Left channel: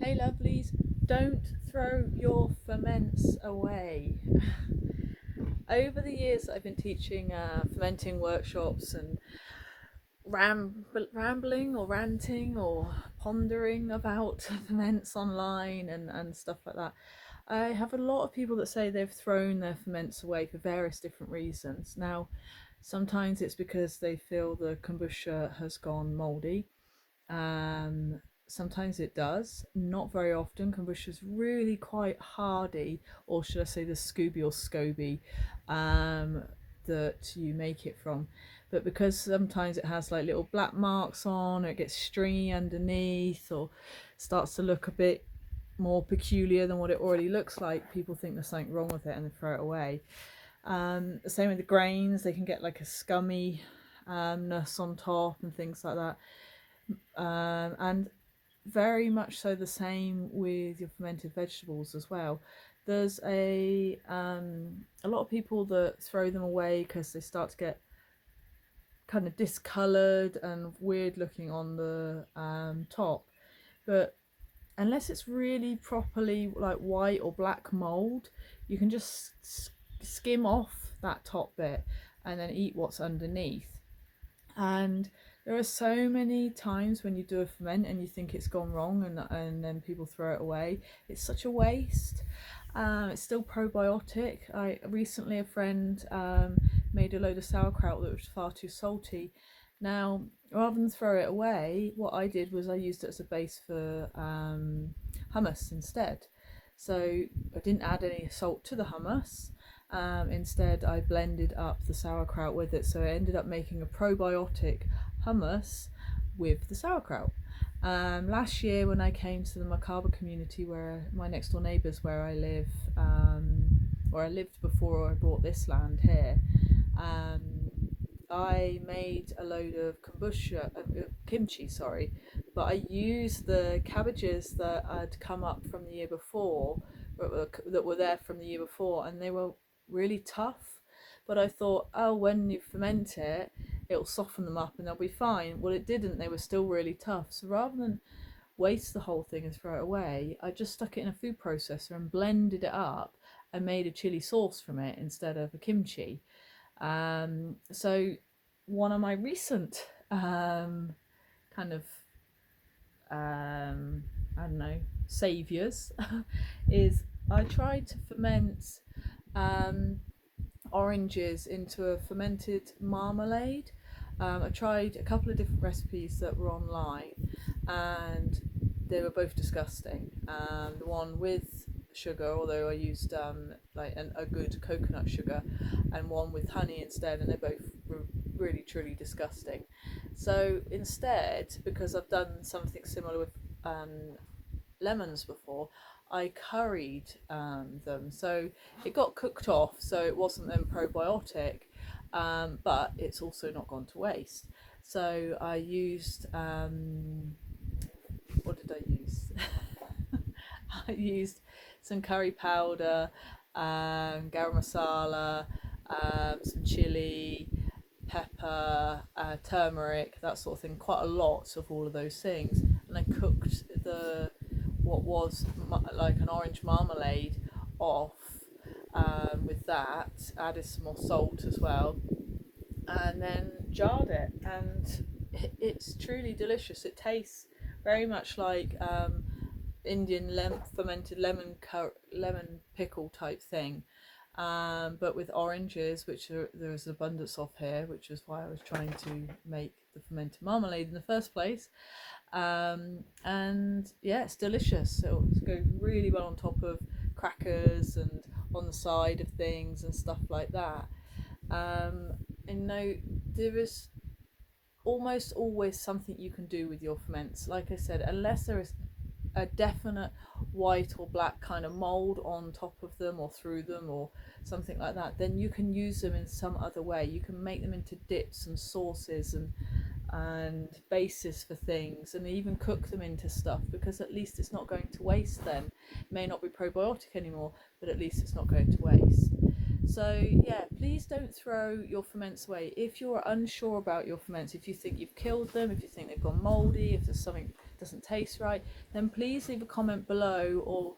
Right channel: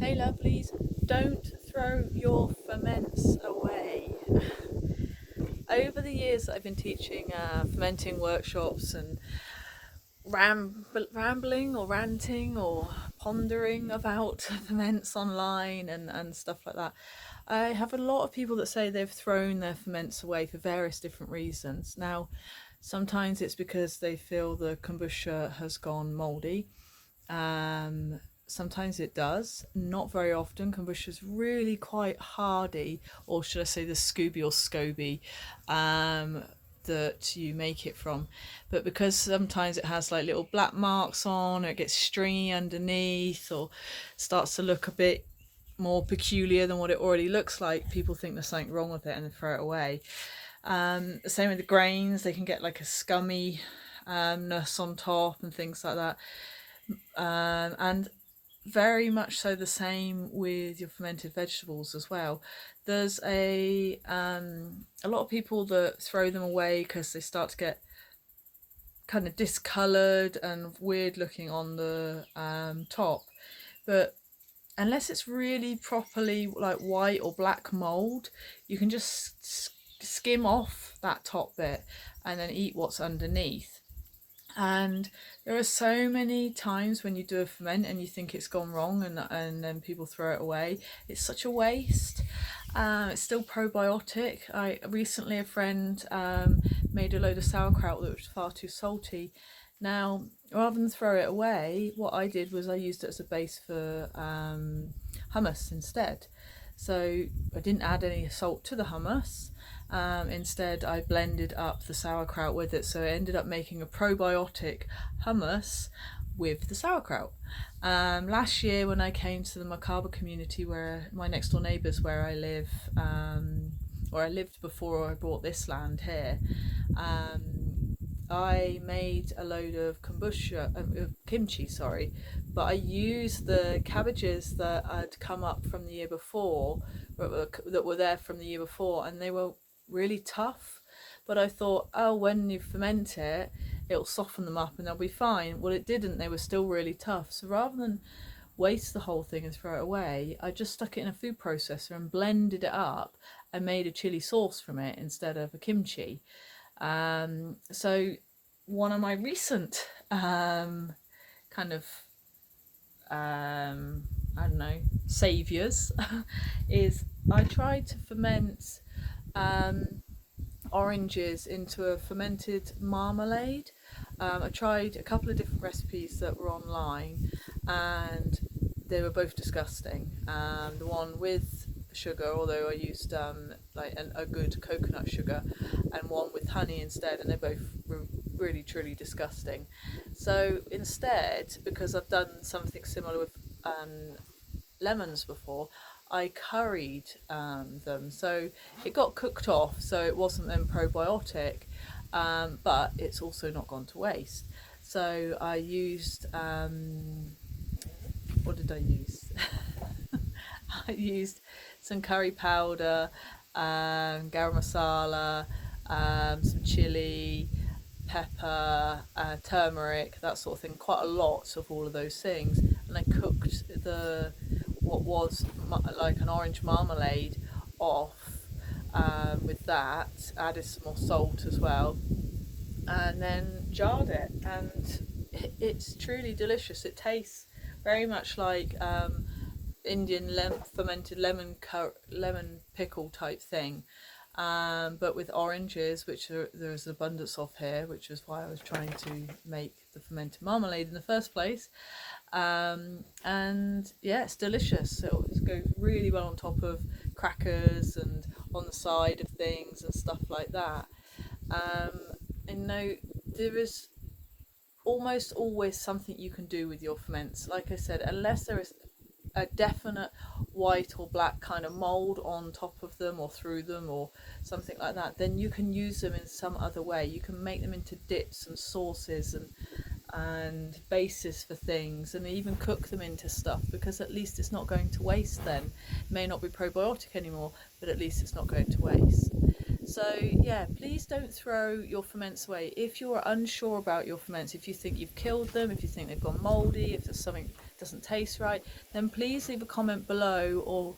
Hey lovelies, don't throw your ferments away. Over the years I've been teaching fermenting workshops and rambling or ranting or pondering about ferments online and stuff like that. I have a lot of people that say they've thrown their ferments away for various different reasons. Now, sometimes it's because they feel the kombucha has gone mouldy. Um, Sometimes it does, not very often. Kombucha is really quite hardy, or should I say the Scooby or Scoby that you make it from. But because sometimes it has like little black marks on, or it gets stringy underneath, or starts to look a bit more peculiar than what it already looks like, people think there's something wrong with it and they throw it away. The same with the grains, they can get like a scummy ness on top and things like that. And very much so the same with your fermented vegetables as well. There's a lot of people that throw them away because they start to get kind of discolored and weird looking on the top, but unless it's really properly like white or black mold, you can just skim off that top bit and then eat what's underneath. And there are so many times when you do a ferment and you think it's gone wrong, and then people throw it away. It's such a waste. It's still probiotic. A friend made a load of sauerkraut that was far too salty. Now, rather than throw it away, what I did was I used it as a base for hummus instead. So I didn't add any salt to the hummus. Instead, I blended up the sauerkraut with it, so I ended up making a probiotic hummus with the sauerkraut. Last year, when I came to the macabre community, where my next door neighbours, where I live, where I lived before I bought this land here, I made a load of kimchi, sorry, but I used the cabbages that had come up from the year before, that were there from the year before, and they were really tough. But I thought, oh, when you ferment it, it'll soften them up and they'll be fine. Well, it didn't. They were still really tough. So rather than waste the whole thing and throw it away, I just stuck it in a food processor and blended it up and made a chili sauce from it instead of a kimchi. So one of my recent kind of I don't know, saviors is I tried to ferment oranges into a fermented marmalade. I tried a couple of different recipes that were online, and they were both disgusting. The one with sugar, although I used like a good coconut sugar, and one with honey instead, and they both were really truly disgusting. So instead, because I've done something similar with lemons before, I curried them, so it got cooked off, so it wasn't then probiotic, but it's also not gone to waste. So I used what did I use? I used some curry powder, garam masala, some chili, pepper, turmeric, that sort of thing. Quite a lot of all of those things, and I cooked the what was like an orange marmalade off with that. Added some more salt as well, and then jarred it, and it's truly delicious. It tastes very much like Indian fermented lemon pickle type thing, but with oranges, which there's an abundance of here, which is why I was trying to make the fermented marmalade in the first place. And yeah, it's delicious. It goes really well on top of crackers and on the side of things and stuff like that. And no, there is almost always something you can do with your ferments. Like I said, unless there is a definite white or black kind of mold on top of them or through them or something like that, then you can use them in some other way. You can make them into dips and sauces and bases for things, and even cook them into stuff, because at least it's not going to waste then. It may not be probiotic anymore, but at least it's not going to waste. So yeah, please don't throw your ferments away. If you're unsure about your ferments, if you think you've killed them, if you think they've gone mouldy, if there's something doesn't taste right, then please leave a comment below or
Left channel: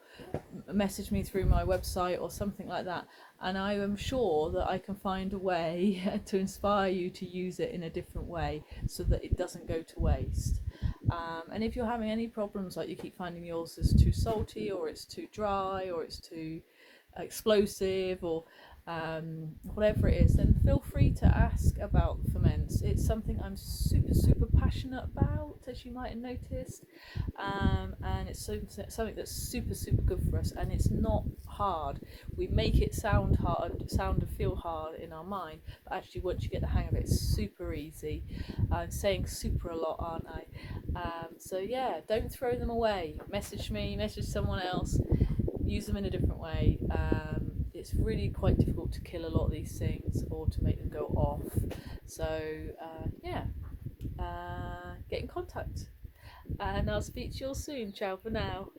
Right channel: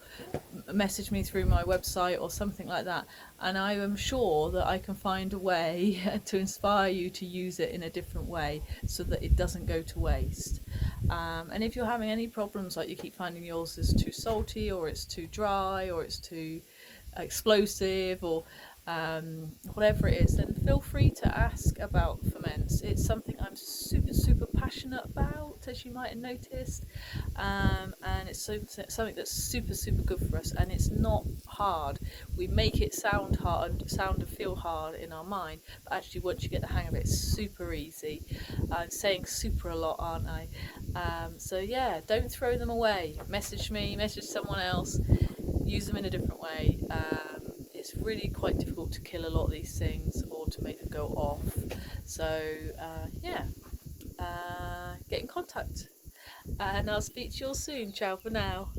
message me through my website or something like that, and I am sure that I can find a way to inspire you to use it in a different way so that it doesn't go to waste. And if you're having any problems, like you keep finding yours is too salty or it's too dry or it's too explosive or whatever it is, then feel free to ask about ferments. It's something I'm super passionate about, as you might have noticed, and it's something that's super good for us, and it's not hard. We make it sound hard, sound and feel hard in our mind, but actually once you get the hang of it, it's super easy. I'm saying super a lot, aren't I? So yeah, don't throw them away. Message me, message someone else, use them in a different way. It's really quite difficult to kill a lot of these things or to make them go off. So yeah, get in contact, and I'll speak to you all soon. Ciao for now.